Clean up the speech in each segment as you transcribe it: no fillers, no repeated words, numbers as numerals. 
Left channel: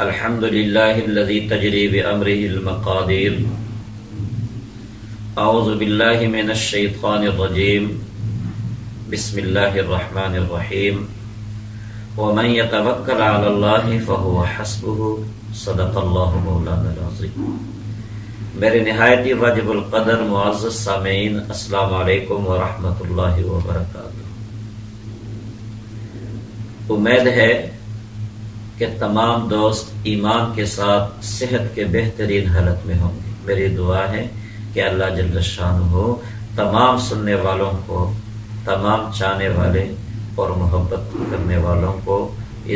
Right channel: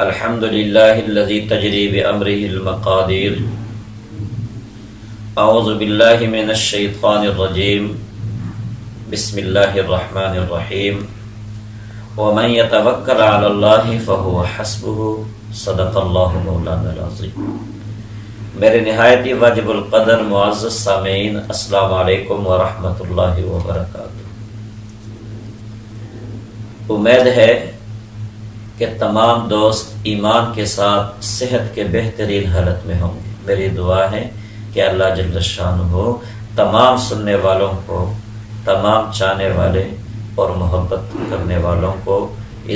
الحمد لله الذي تجري بأمره المقادير. أعوذ بالله من الشيطان الرجيم. بسم الله الرحمن الرحيم. ومن يتوكل على الله فهو حسبه. صدق الله مولانا العظيم. میرے نہایت واجب القدر معزز سامعین، السلام علیکم ورحمۃ اللہ وبرکاتہ. امید ہے کہ تمام دوست ایمان کے ساتھ صحت کے بہترین حالت میں ہوں گے. میری دعا ہے کہ اللہ جل شانہ تمام سننے والوں کو، تمام چاہنے والے اور محبت کرنے والوں کو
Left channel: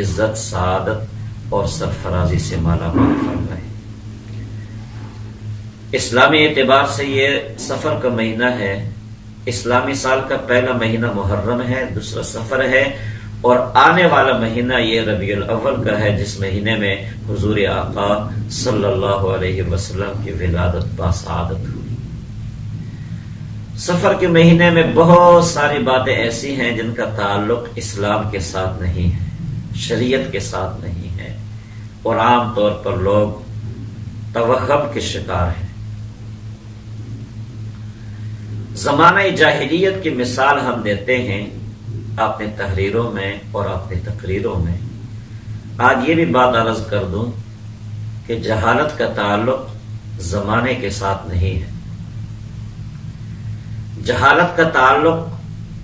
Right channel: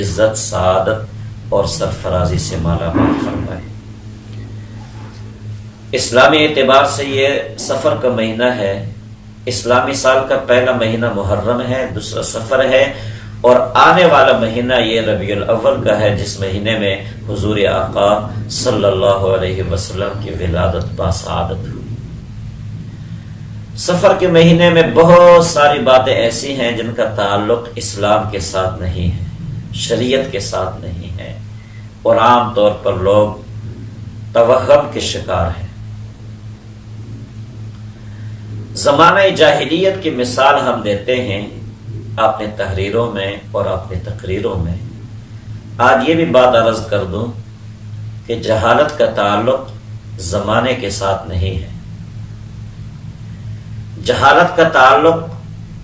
عزت، سعادت اور سرفرازی سے مالا مال فرمائے. اسلامی اعتبار سے یہ سفر کا مہینہ ہے. اسلامی سال کا پہلا مہینہ محرم ہے، دوسرا سفر ہے، اور آنے والا مہینہ یہ ربیع الاول کا ہے، جس مہینے میں حضور آقا صلی اللہ علیہ وسلم کی ولادت باسعادت ہوئی. سفر کے مہینے میں بہت ساری باتیں ایسی ہیں جن کا تعلق اسلام کے ساتھ نہیں ہے، شریعت کے ساتھ نہیں ہے، اور عام طور پر لوگ توہم کے شکار ہیں. زمانہ جاہلیت کی مثال ہم دیتے ہیں اپنے تحریروں میں اور اپنی تقریروں میں. آج یہ بھی بات عرض کر دوں کہ جہالت کا تعلق زمانے کے ساتھ نہیں ہے. جہالت کا تعلق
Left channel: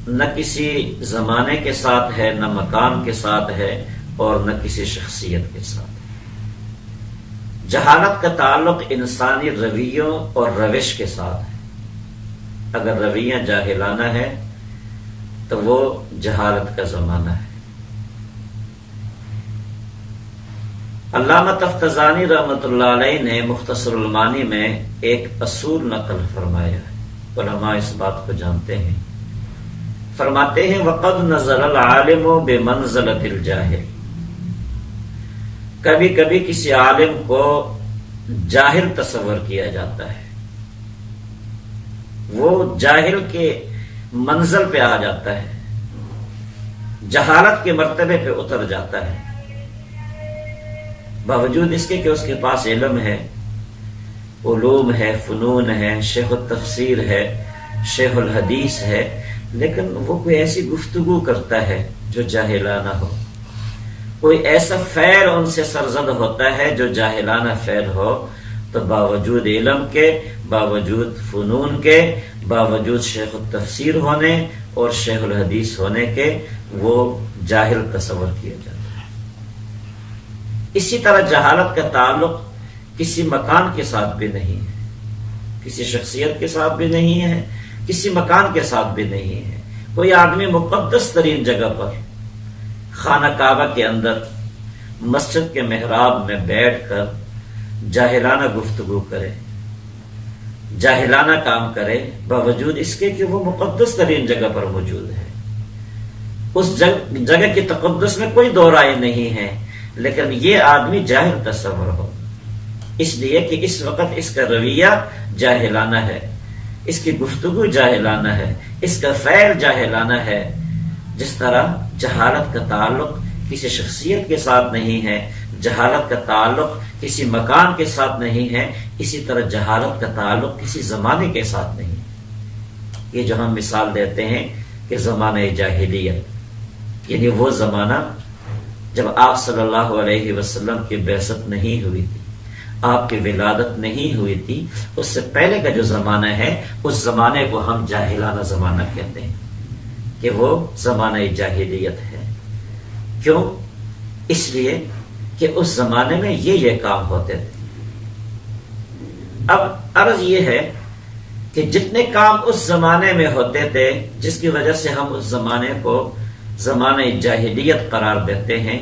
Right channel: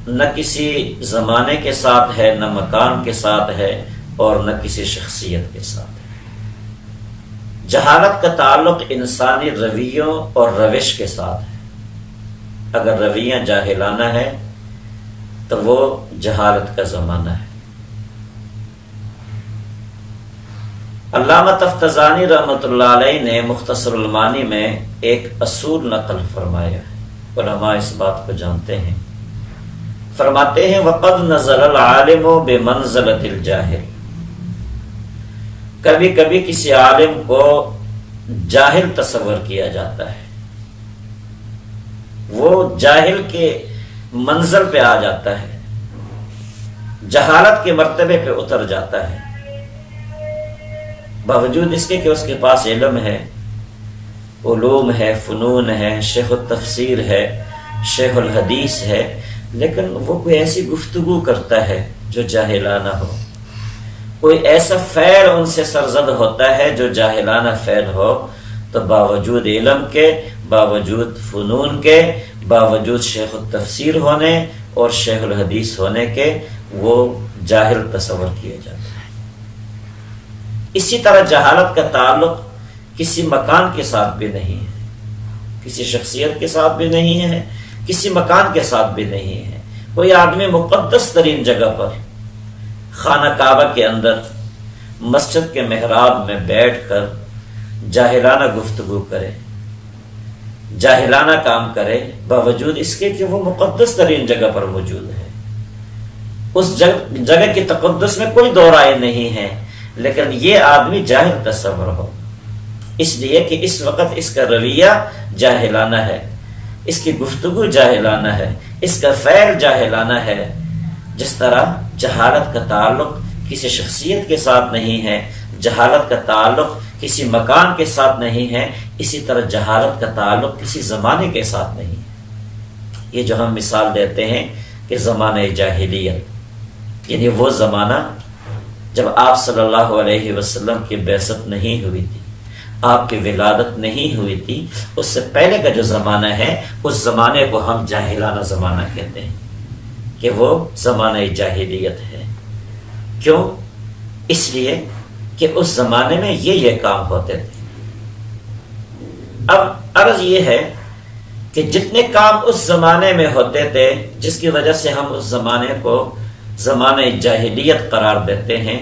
نہ کسی زمانے کے ساتھ ہے، نہ مکان کے ساتھ ہے، اور نہ کسی شخصیت کے ساتھ ہے. جہالت کا تعلق انسانی رویوں اور روش کے ساتھ ہے. اگر رویہ جاہلانہ ہے تو وہ جہالت کا زمانہ ہے. علامہ تفتزانی رحمۃ اللہ علیہ نے مختصر المعانی میں ایک اصول نقل فرمایا ہے. علماء اس بات کو جانتے ہیں. فرماتے ہیں وَقَدْ نَزَلَ الْعَالِمُ بِمَنْزَلَةِ الْجَاهِلِ. کبھی کبھی کسی عالم کو جاہل تصور کیا جاتا ہے، وہ جاہل کے منزل پہ آ جاتا ہے، جہالت کے مرتبے پہ اتر جاتا ہے، باوجود اس کے کہ اس کے پاس علم ہے، علوم ہے، فنون ہے، شیخ التفسیر ہے، شیخ الحدیث ہے، لیکن وہ کوئی ایسی گفتگو کرتا ہے جو جاہلانہ ہو، کوئی ایسا فعل ان سے سرزد ہوتا ہے جو جاہلانہ فعل ہو، تو باوجود علم کے، باوجود فنون کے، باوجود شیخ التفسیر ہونے اور شیخ الحدیث ہونے کے وہ جاہل تصور کیا جاتا ہے. اسی طرح جہالت کا تعلق کسی مکان کے ساتھ بھی نہیں ہے، کسی شخصیت کے ساتھ بھی نہیں ہے، کسی مکان کے ساتھ بھی نہیں ہے. کوئی آدمی مقدس ترین جگہ پر، خانہ کعبہ کے اندر، مسجد کے محراب میں بیٹھ کر جاہلانہ گفتگو کرے، جاہلانہ کام کرے، باوجود اس کے کہ وہ مقدس ترین جگہ پر موجود ہے. اس جگہ کی تقدس میں کوئی دو رائے نہیں ہے، لیکن یہ آدمی جاہل تصور ہو، اس لیے کہ اس وقت اس کا رویہ جاہلانہ ہے، اس کی گفتگو جاہلانہ ہے، اس کا فعل جاہلانہ ہے. جس طرح جہالت کا تعلق کسی شخصیت کے ساتھ نہیں ہے، جہالت کا تعلق کسی مکان کے ساتھ نہیں ہے، اسی طرح جہالت کا تعلق کسی زمانے کے ساتھ نہیں ہے. یہ جو ہم مثال دیتے ہیں کہ زمانہ جاہلیت، یعنی وہ زمانہ جب آپ صلی اللہ علیہ وسلم کی بعثت نہیں ہوئی تھی، آپ کی ولادت نہیں ہوئی تھی، اس سے پہلے کا جو زمانہ ہے اس زمانے کو ہم جاہلانہ زمانہ کہتے ہیں کہ وہ زمانہ جاہلیت ہے. کیوں؟ اس لیے کہ اس زمانے میں یہ کام ہوتے تھے. اب عرض یہ ہے کہ جتنے کام اس زمانے میں ہوتے تھے، جس کی وجہ سے ہم اس زمانے کو زمانہ جاہلیت قرار دیتے ہیں،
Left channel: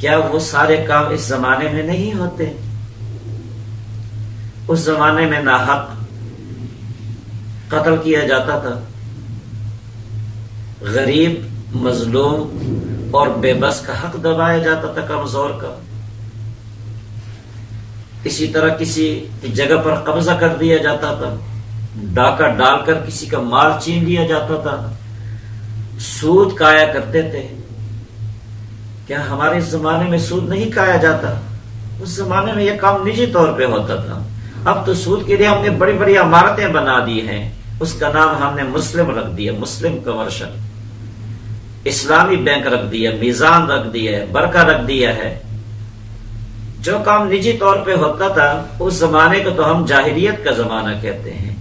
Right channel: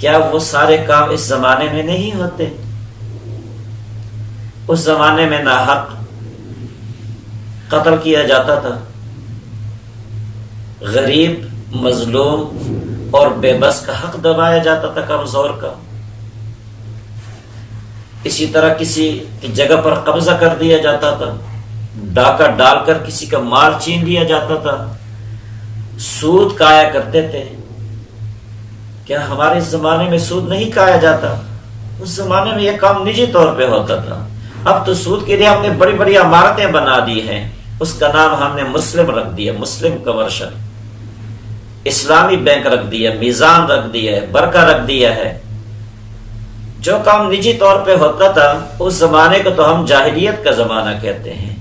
کیا وہ سارے کام اس زمانے میں نہیں ہوتے؟ اس زمانے میں ناحق قتل کیا جاتا تھا، غریب، مظلوم اور بے بس کا حق دبایا جاتا تھا، کمزور کا. اسی طرح کسی کی جگہ پر قبضہ کر دیا جاتا تھا، ڈاکہ ڈال کر کسی کا مال چھین لیا جاتا تھا، سود کھایا کرتے تھے، کیا ہمارے اس زمانے میں سود نہیں کھایا جاتا؟ اس زمانے میں یہ کام نجی طور پہ ہوتا تھا. اب تو سود کے لیے ہم نے بڑی بڑی عمارتیں بنا دی ہیں، اس کا نام ہم نے مسلم رکھ دیا، مسلم کمرشل. اسلامی بینک رکھ دیا، میزان رکھ دیا ہے، برکہ رکھ دیا ہے. جو کام نجی طور پہ ہوتا تھا اس زمانے کو تو ہم جاہلیت کا زمانہ کہتے ہیں،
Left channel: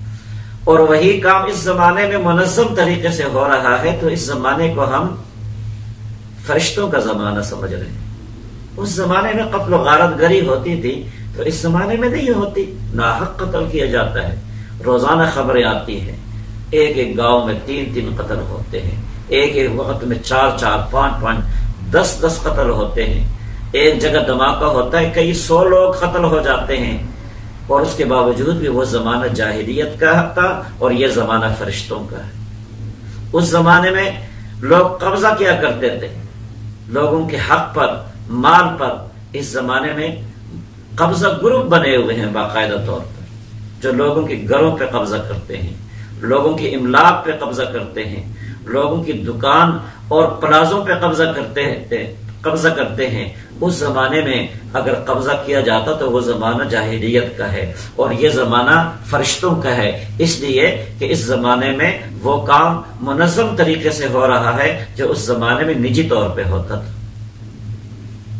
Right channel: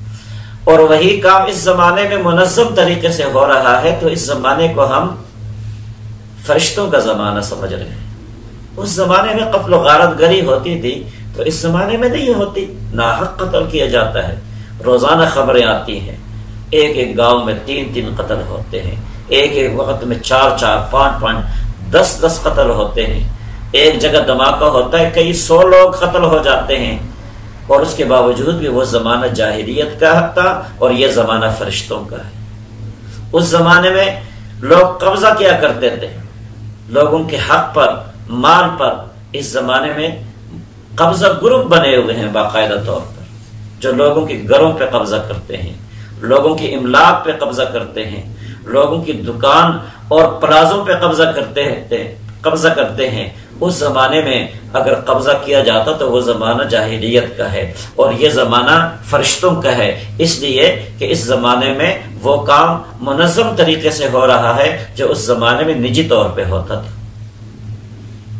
اور وہی کام اس زمانے میں منظم طریقے سے ہو رہا ہے تو اس زمانے کو ہم فرشتوں کا زمانہ سمجھ رہے ہیں. اس زمانے میں قتل و غارت گری ہوتی تھی تو اس زمانے میں نہیں ہوتی. ناحق قتل کیا جاتا ہے، روزانہ خبریں آتی ہیں، ایک ایک گاؤں میں 3 قتل ہوتے ہیں، ایک ایک وقت میں 4 5 10 قتل ہوتے ہیں. ایک جگہ دھماکہ ہوتا ہے، کئی 100 لوگ قتل ہو جاتے ہیں. اور اس کے باوجود بھی وہ زمانہ جاہلیت کا تھا اور یہ زمانہ فرشتوں کا ہے. اس زمانے میں لوگ قبضہ کیا کرتے تھے لوگوں کے حق پر، مال پر. اس زمانے میں قبضہ گروپ بنے ہوئے ہیں باقاعدہ طور پر، جو لوگوں کے گھروں پہ قبضہ کرتے ہیں، لوگوں کی املاک پہ قبضہ کرتے ہیں، لوگوں کی دکان اور پلازوں پہ قبضہ کرتے ہیں. اس زمانے میں اگر قبضہ کیا جاتا تو وہ زمانہ جاہلیت کا ہے اور یہ زمانہ فرشتوں کا ہے، اس لیے کہ اس زمانے میں وہ کام منظم طریقے سے ہو رہا ہے جو اس زمانے میں نجی طور پہ ہوتا تھا.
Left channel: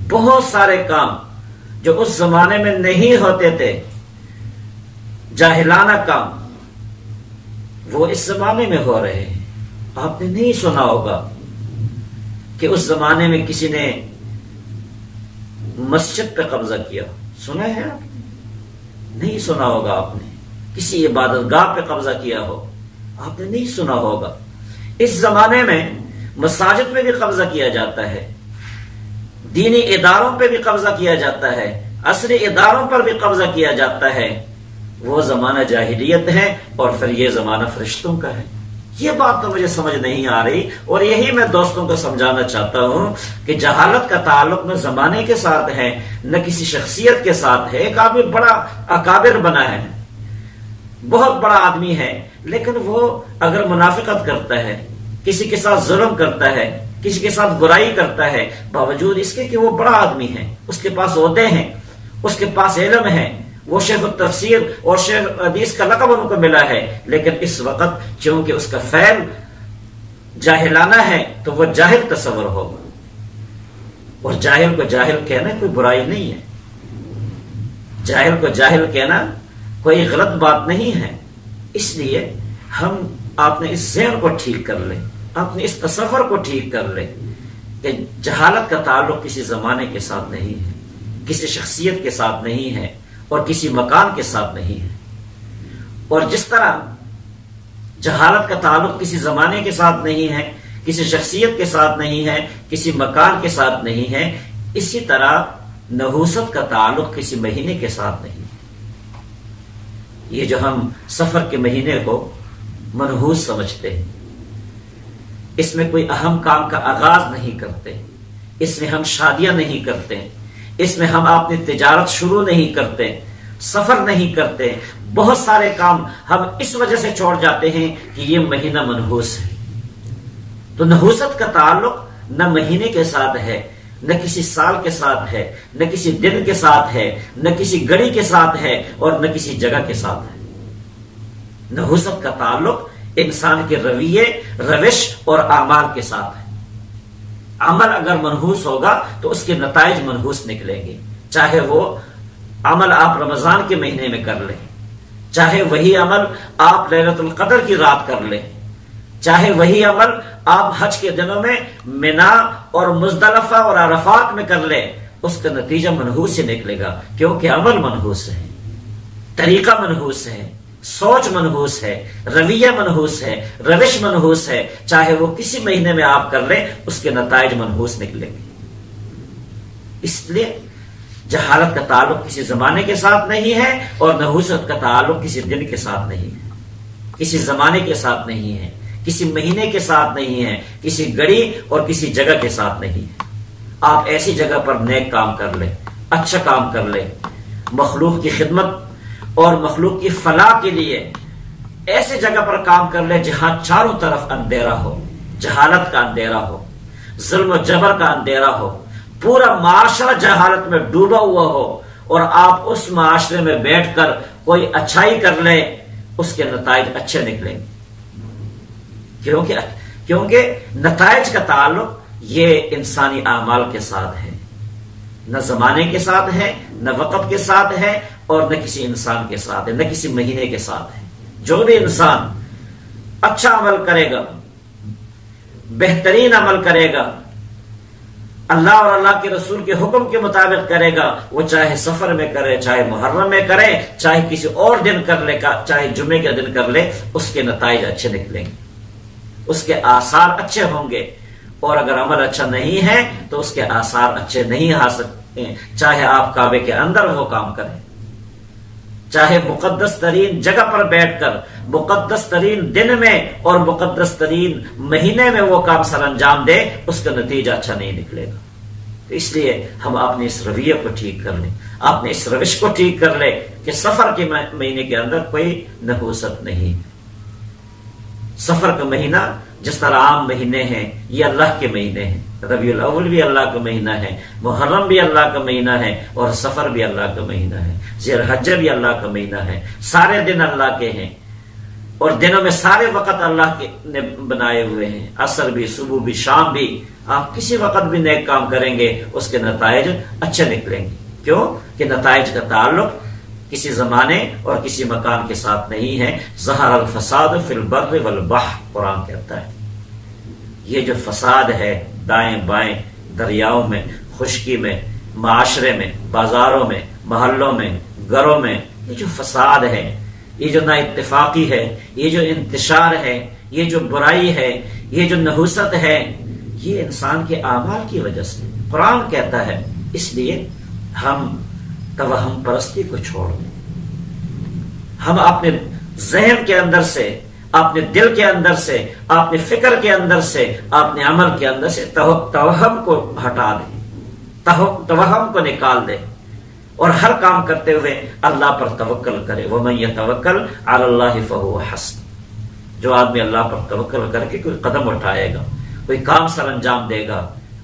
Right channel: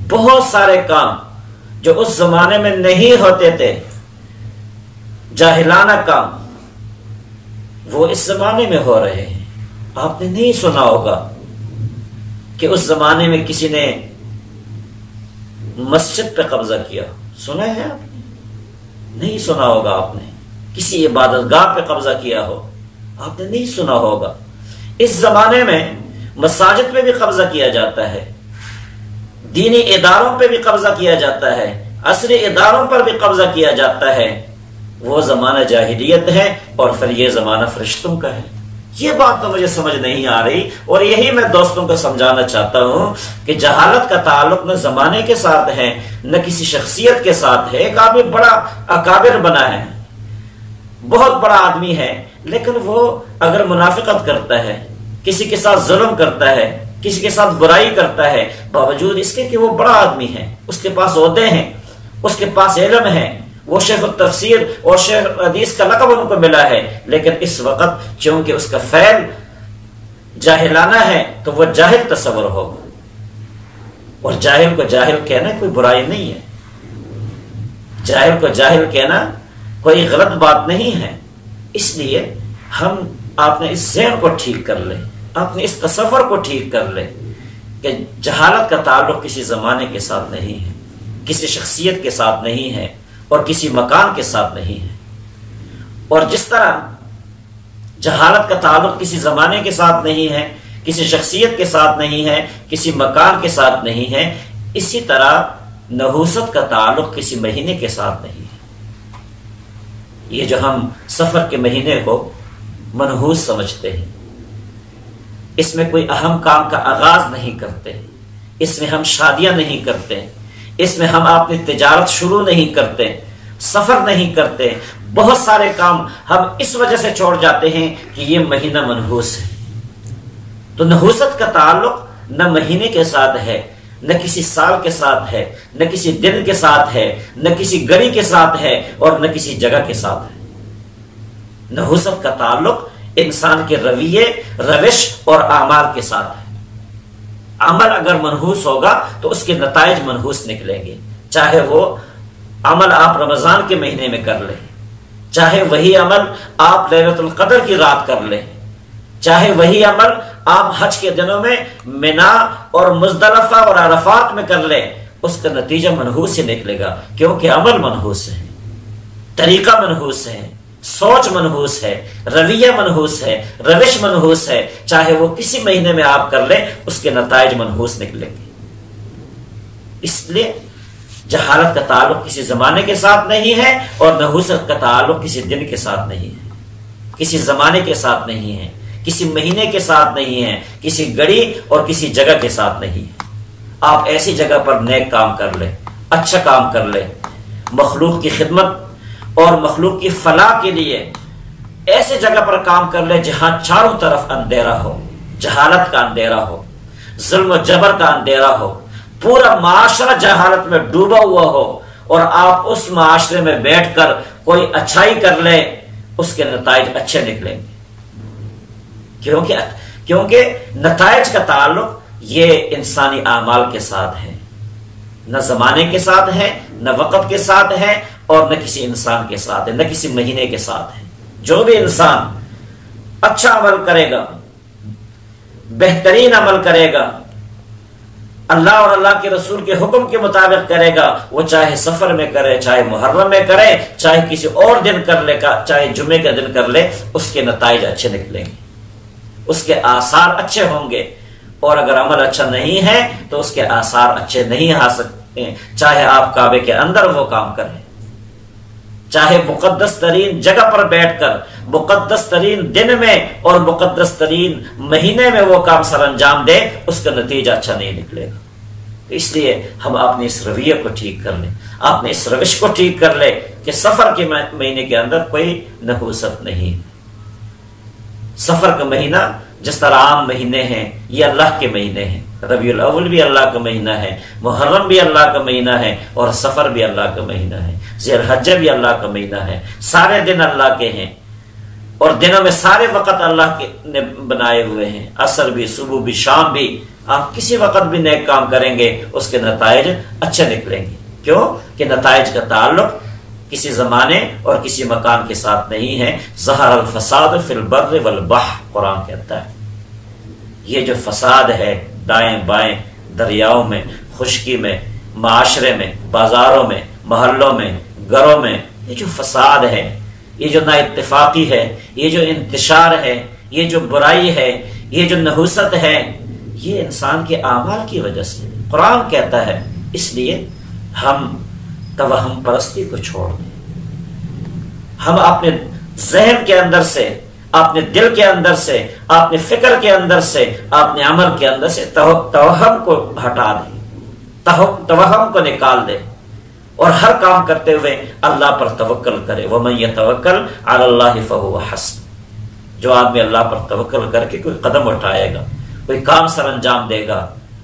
بہت سارے کام جو اس زمانے میں نہیں ہوتے تھے، جاہلانہ کام، وہ اس زمانے میں ہو رہے ہیں. آپ نے نہیں سنا ہوگا کہ اس زمانے میں کسی نے مسجد پہ قبضہ کیا. سنا ہے آپ نے؟ نہیں سنا ہوگا. آپ نے کسی عبادت گاہ پہ قبضہ کیا ہو، آپ نے نہیں سنا ہوگا. اس زمانے میں مساجد میں بھی قبضہ کیا جاتا ہے، دینی اداروں پہ بھی قبضہ کیا جاتا ہے، عصری اداروں پر بھی قبضہ کیا جاتا ہے. وہ زمانہ جاہلیت ہے اور پھر یہ زمانہ فرشتوں کا ہے. یہ بات تو مجھے سمجھ نہیں آ رہی، اور یہی میں دوستوں کو سمجھانا چاہتا ہوں کہ جہالت کا تعلق نہ زمانے کے ساتھ ہے نہ کسی شخصیت کے ساتھ ہے. ایک آدمی بڑا اکابر بنا ہے، بہت بڑا آدمی ہے، لیکن وہ اگر منافقت کرتا ہے، کسی کے ساتھ ظلم کرتا ہے، کسی کے ساتھ برائی کرتا ہے، باوجود اس کے کہ وہ بڑا آدمی ہے، اس کے پاس عہدے ہیں، اس کے پاس علم ہے، وہ شیخ التفسیر اور شیخ حدیث کا لقب ان کو ملا ہے، لیکن اس وقت چونکہ اس کا فعل جاہلانہ ہے تو وہ جاہل تصور ہوگا. اور جاہل کو جاہل کہنا کوئی برائی نہیں ہے، جاہل کو جاہل کہنا کوئی غلط بات نہیں ہے. اس لیے آپ نے اس ذہن کو ٹھیک کر لیں، آپ نے اس تصور کو ٹھیک کر لیں کہ جہالت کا تعلق کسی زمانے کے ساتھ نہیں ہے، کسی شخصیت کے ساتھ نہیں ہے اور کسی مکان کے ساتھ نہیں ہے. اور جس طرح جہالت کا تعلق کسی زمانے کے ساتھ نہیں ہے، کسی شخصیت کے ساتھ نہیں ہے، کسی مکان کے ساتھ نہیں ہے، اسی طرح نحوست کا تعلق کسی مہینے کے ساتھ نہیں ہے. یہ جو ہم سفر کے مہینے کو منحوس سمجھتے ہیں، اس میں کوئی اہم کام کا آغاز نہیں کرتے، اس میں ہم شادیاں نہیں کرتے، اس میں ہم اپنی تجارت شروع نہیں کرتے، سفر نہیں کرتے. بہت سارے کام ہم اس وجہ سے چھوڑ جاتے ہیں کہ یہ مہینہ منحوس ہے. تو نحوست کا تعلق نہ مہینے کے ساتھ ہے، نہ کسی سال کے ساتھ ہے، نہ کسی دن کے ساتھ ہے، نہ کسی گھڑی کے ساتھ ہے اور نہ کسی جگہ کے ساتھ ہے. نحوست کا تعلق انسان کے رویے، روش اور اعمال کے ساتھ ہے. عمل اگر منحوس ہوگا تو اس کے نتائج منحوس نکلیں گے. چاہے وہ عمل آپ رمضان کے مہینے میں کر لیں، چاہے وہی عمل آپ لیلۃ القدر کی رات کر لیں، چاہے وہی عمل آپ حج کے دنوں میں منا اور مزدلفہ اور عرفات میں کر لیں، اس کا نتیجہ منحوس ہی نکلے گا، کیونکہ عمل منحوس ہے، طریقہ منحوس ہے، سوچ منحوس ہے، رویہ منحوس ہے، روش منحوس ہے. چاہے وہ کسی مہینے میں آپ کر لیں اس کے نتائج منحوس نکلیں گے. اس لیے جہالت کا تعلق کسی زمانے کے ساتھ نہیں ہے اور نحوست کا تعلق کسی دن کے ساتھ نہیں ہے، کسی زمانے کے ساتھ نہیں ہے، کسی مہینے کے ساتھ نہیں ہے، کسی گھڑی اور کسی جگہ کے ساتھ نہیں ہے. آپ ایسی جگہ پر نیک کام کر لیں، اچھا کام کر لیں، مخلوق کی خدمت اور مخلوق کی فلاح کے لیے ایسے جگہ پر کام کر لیں جہاں چاروں طرف اندھیرا ہو، جہالت کا اندھیرا ہو، ظلم و جبر کا اندھیرا ہو، پورا معاشرہ جہالت میں ڈوبا ہوا ہو اور آپ اس معاشرے میں بیٹھ کر کوئی اچھائی کر لیں، اس کے نتائج اچھے نکلیں گے، کیونکہ نتائج کا تعلق یہ انسانی اعمال کے ساتھ ہے، نہ زمانے کے ساتھ ہے، نہ وقت کے ساتھ ہے، اور نہ کسی انسان کے ساتھ ہے، نہ کسی مہینے کے ساتھ ہے۔ جو بھی انسان اچھا عمل کرے گا، بہترین عمل کرے گا، اللہ اور اللہ کے رسول کے حکم کے مطابق کرے گا، وہ چاہے سفر میں کرے، چاہے محرم میں کرے، چاہے کسی اور دن کر لے، چاہے جمعے کے دن کر لے، اس کے نتائج اچھے نکلیں گے، اس کے آثار اچھے ہوں گے۔ اور اگر عمل اچھا نہیں ہے تو اس کے آثار اچھے نہیں آ سکتے، چاہے آپ کعبے کے اندر وہ کام کریں، چاہے مقدس ترین جگہ پر بیٹھ کر مقدس ترین دن میں اور مقدس ترین مہینے میں وہ کام سر انجام دے، اس کا نتیجہ اچھا نہیں نکلے گا۔ تو اس لیے ہم اپنے اس رویے کو ٹھیک کر لیں، اپنے اس روش کو ٹھیک کر لیں کہ سفر کے مہینے کے اندر کوئی نحوست نہیں۔ سفر کا مہینہ جس طرح عام مہینے ہیں، یہ اللہ کے مہینے ہیں، ربیع الاول بھی اللہ کا مہینہ ہے، محرم بھی اللہ کا مہینہ ہے، اور سفر بھی اللہ کا مہینہ ہے، ذی الحجہ بھی اللہ کا مہینہ ہے۔ سارے دن اللہ کے ہیں، اور دنوں میں سارے وقت اللہ کے نے بنائے ہوئے ہیں، عصر بھی، صبح بھی، شام بھی۔ آپ کسی وقت بھی نیک کام کریں گے، اس کے نتائج اچھے نکلیں گے۔ کیوں کہ نتائج کا تعلق کسی زمانے اور کسی مکان کے ساتھ نہیں ہے۔ ظہر الفساد فی البر والبحر، قرآن کہتا ہے یہ جو فساد ہے دائیں بائیں دریاؤں میں، خشکی میں، معاشرے میں، بازاروں میں، محلوں میں، گھروں میں، یہ جو فساد ہے، یہ جو نا اتفاقی ہے، یہ جو انتشار ہے، یہ جو برائی ہے، یہ جو نحوست ہے، یہ انسان کے اعمال کی وجہ سے قرآن کہتا ہے۔ اس لیے ہم توہم پرستی کو چھوڑ دیں، ہم اپنے ذہن کے اندر سے، اپنے دل کے اندر سے، اپنے فکر کے اندر سے، اپنے عمل کے اندر سے توہم کو ہٹا دیں، توہم کو نکال دیں، اور ہر کام کرتے ہوئے اللہ پر توکل کرے۔ وَمَن يَتَوَكَّلْ عَلَى اللَّهِ فَهُوَ حَسْبُهُ، جو آدمی اللہ پر توکل کر کے کوئی قدم اٹھائے گا، کوئی کام سر انجام دے گا،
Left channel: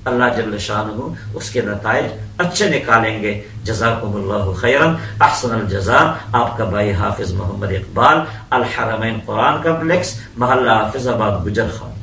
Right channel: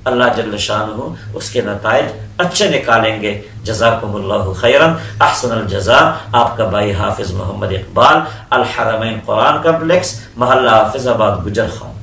اللہ جل شانہ اس کے نتائج اچھے نکالیں گے۔ جزاکم اللہ خیرا، احسن الجزاء۔ آپ کا بھائی حافظ محمد اقبال، الحرمین قرآن کمپلیکس، محلہ حافظ آباد، گجر خان۔